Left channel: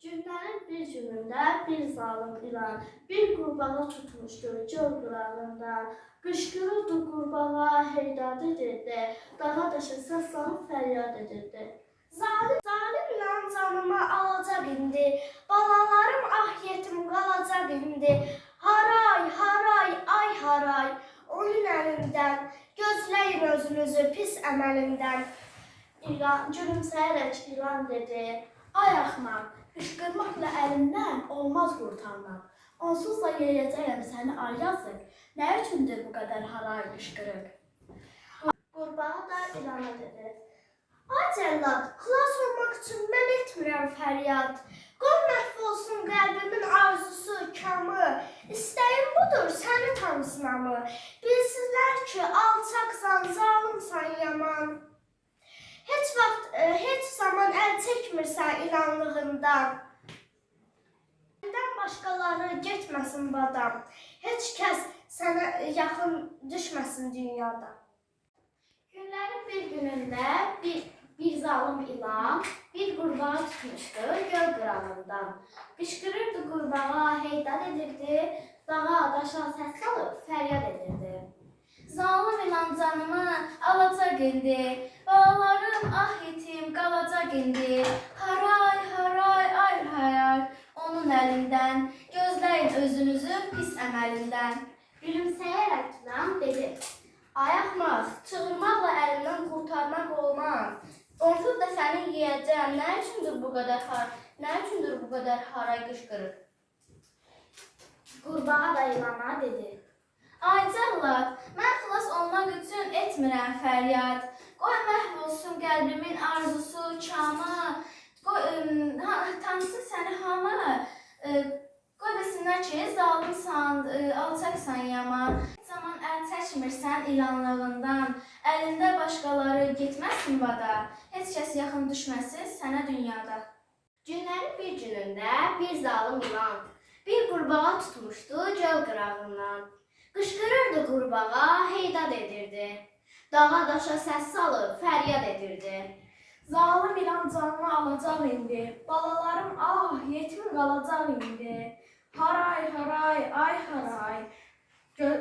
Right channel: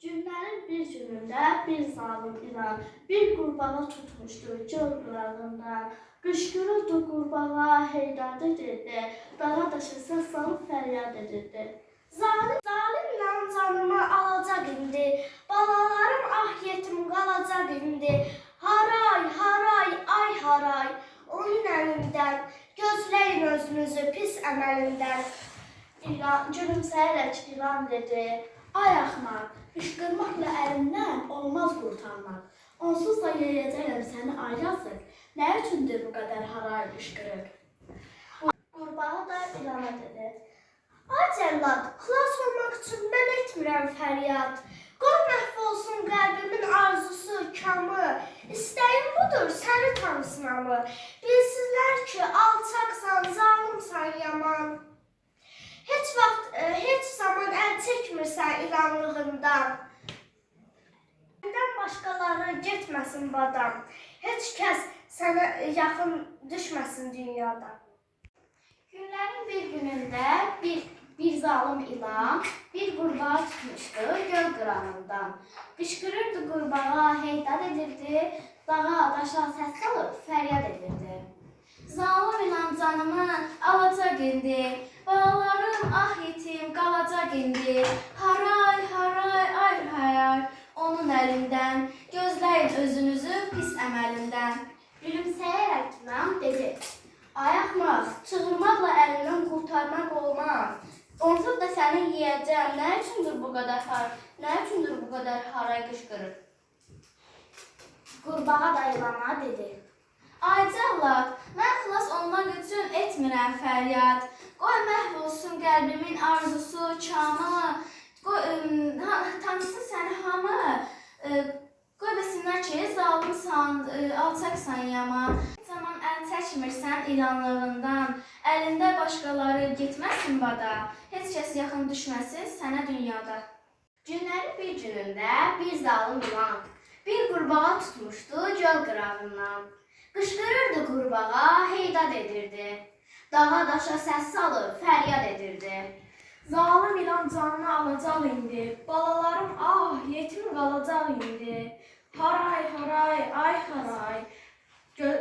Günlərin bir günündə bir zalım ilan bir qurbağa tutmuşdu göl qırağından. Qışqırırdı qurbağa heydat edirdi, dağa daşa səs salıb fəryad edirdi. Zalim ilan canımı alacaq indi, balalarım ah yetim qalacaq indi. Haray, haray, ay haray, onun əlindən, gözləyin özünüzü pis əməlindən. İlan, gülümsəyərək ilan dedi, ay axmaq, qışqırmaqla əlimdən olmaz qurtarmaq. Onsuz da yeyəcəyəm səni ay yazıq, nə üçündür bu qədər haray qışqırıq? Qurbağa da ilana dedi, ay cəllad, xilas olmaq üçün mən etmirəm fəryad. Qoy məhv olsun qəlbimin arzusu, kamı, istəyim budur səni tanısınamı. Bilsinlər ki, alçaqsan, zalımsan, yaman. Heç zaman əl çəkmirsən ilanlığından. Səndən başqaları getməsin badam. Heç kəs sənə yaxın düşməsin dünyada. Günlərin bir günündə bir zalım ilan bir qurbağa tutmuşdu göl qırağından. Qışqırırdı qurbağa, heydat edirdi, dağa daşa səs salıb fəryad edirdi. Zalım ilan canımı alacaq indi, balalarım ah yetim qalacaq indi. Haray, haray, ay haray, onun əlindən, gözləyin özünüzü pis əməlindən. Gülümsəyərək ilan dedi, ay axmaq, çığırmaqla əlindən qurtarmaq olmaz. Onsuz da səni yeyəcəm, nə üçündür bu qədər haray qışqırır? Qurbağa da ilana dedi, ay cəllad, mən xilas olmaq üçün etmirəm fəryad. Qoy məhv olsun qəlbimin arzusu, kamı, tanısın səni hamı. Qoy bilsinlər ki, zalımsan, alçaqsan, yaman. Heç zaman əl çəkmirsən ilanlığından, əlində başqaları getməsin bada. Heç kəs yaxın düşməsin sənə dünyada. Günlərin bir günündə bir zalım ilan bir qurbağa tutmuşdu göl qırağından. Qışqırırdı qurbağa, heydat edirdi, dağa daşa səs salıb fəryad edirdi. Zalım ilan canını alacaq indi, balalarım ah yetim qalacaq indi. Haray, haray, ay haray,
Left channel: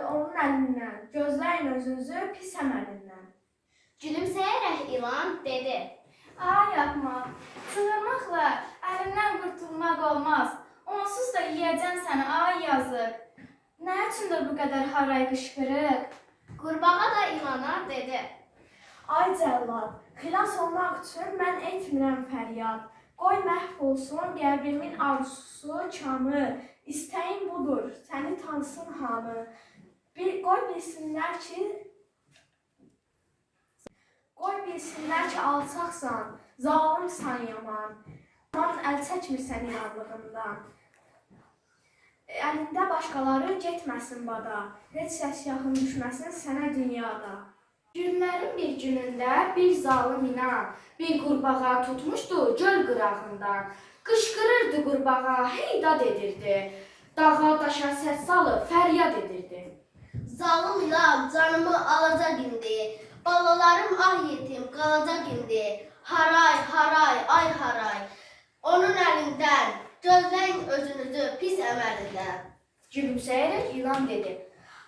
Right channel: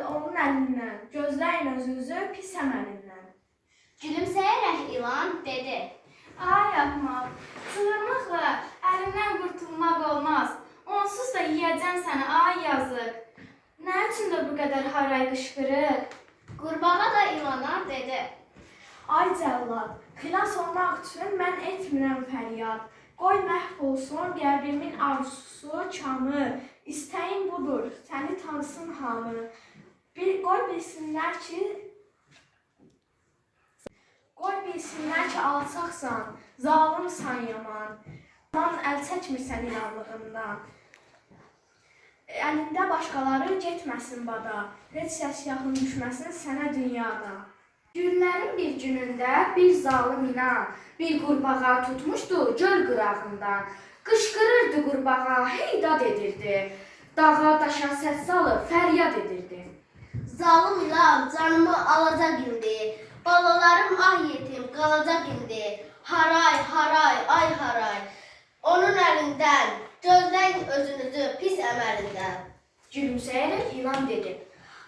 onun əlindən, gözləyin özünüzü pis əməlindən. Gülümsəyərək ilan dedi, ay axmaq, çığırmaqla əlimdən qurtulmaq olmaz. Onsuz da yeyəcəm səni ay yazıq. Nə üçündür bu qədər haray qışqırıq? Qurbağa da ilana dedi, ay cəllad, xilas olmaq üçün mən etmirəm fəryad. Qoy məhv olsun qəlbimin arzusu, kamı, istəyim budur, səni tanısın hamı. Qoy bilsinlər ki, alçaqsan, zalımsan, yaman. Yaman əl çəkmirsən ilanlığından. Əlində başqaları getməsin bada, heç səs yaxın düşməsin sənə dünyada. Günlərin bir günündə bir zalım ilan bir qurbağa tutmuşdu göl qırağından. Qışqırırdı qurbağa, heydat edirdi, dağa daşa səs salıb fəryad edirdi. Zalım ilan canımı alacaq indi, balalarım ah yetim qalacaq indi. Haray, haray, ay haray, onun əlindən, gözləyin özünüzü pis əməlindən. Gülümsəyərək ilan dedi,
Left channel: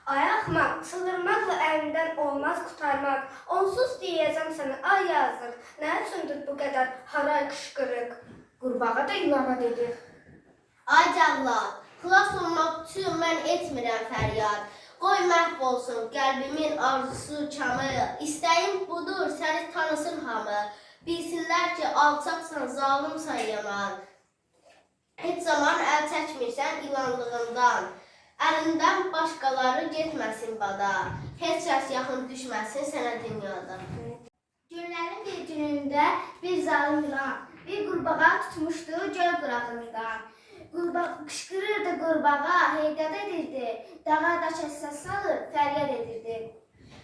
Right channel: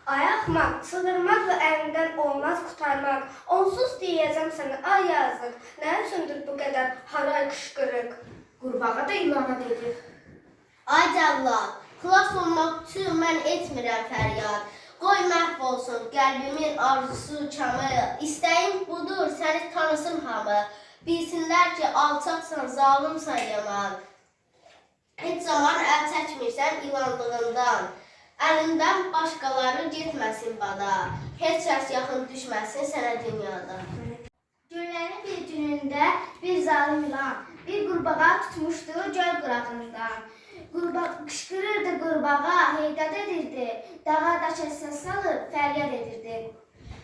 ay axmaq, çığırmaqla əlindən olmaz qurtarmaq. Onsuz deyəcəm sənə ay yazıq, nə üçündür bu qədər haray qışqırıq? Qurbağa da ilana dedi, ay cəllad, xilas olmaq üçün mən etmirəm fəryad. Qoy məhv olsun qəlbimin arzusu, kamı, istəyim budur səni tanısın hamı. Bilsinlər ki, alçaqsan, zalımsan, yaman. Heç zaman əl çəkmirsən ilanlığından, əlindən başqaları getməsin bada, heç kəs yaxın düşməsin sənə dünyada. Günlərin bir günündə bir zalım ilan bir qurbağa tutmuşdu göl qırağından. Qışqırırdı qurbağa, heydat edirdi, dağa daşa səs salıb fəryad edirdi.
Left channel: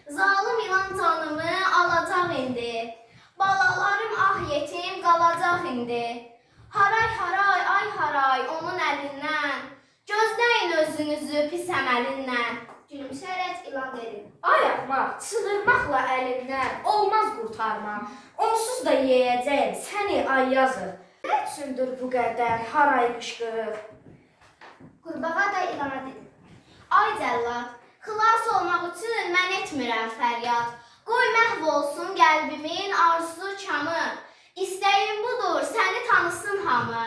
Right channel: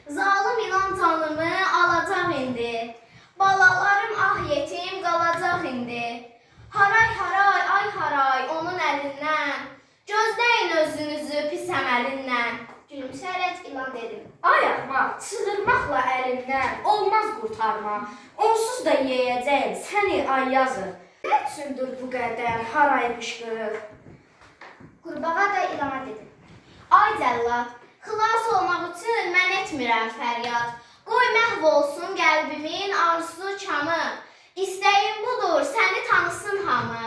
Zalım ilan canımı alacaq indi, balalarım ah yetim qalacaq indi. Haray, haray, ay haray, onun əlindən, gözləyin özünüzü pis əməlindən. Gülümsəyərək ilan dedi, ay axmaq, çığırmaqla əlimdən olmaz qurtarmaq. Onsuz da yeyəcəyim səni ay yazıq. Nə üçündür bu qədər haraymış qırıq? Qurbağa da ilana dedi. Ay cəllad, xilas olmaq üçün mən etmirəm fəryad. Qoy məhv olsun qəlbimin arzusu çamı. İstəyim budur, səni tanısın hamı.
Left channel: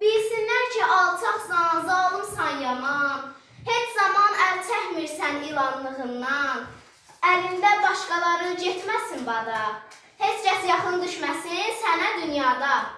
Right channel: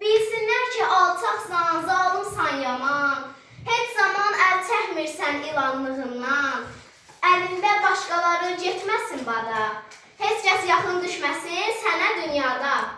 Bilsinlər ki, alçaqsan, zalımsan yaman. Heç zaman əl çəkmirsən ilanlığından. Əlində başqaları getməsin bada. Heç kəs yaxın düşməsin sənə dünyada.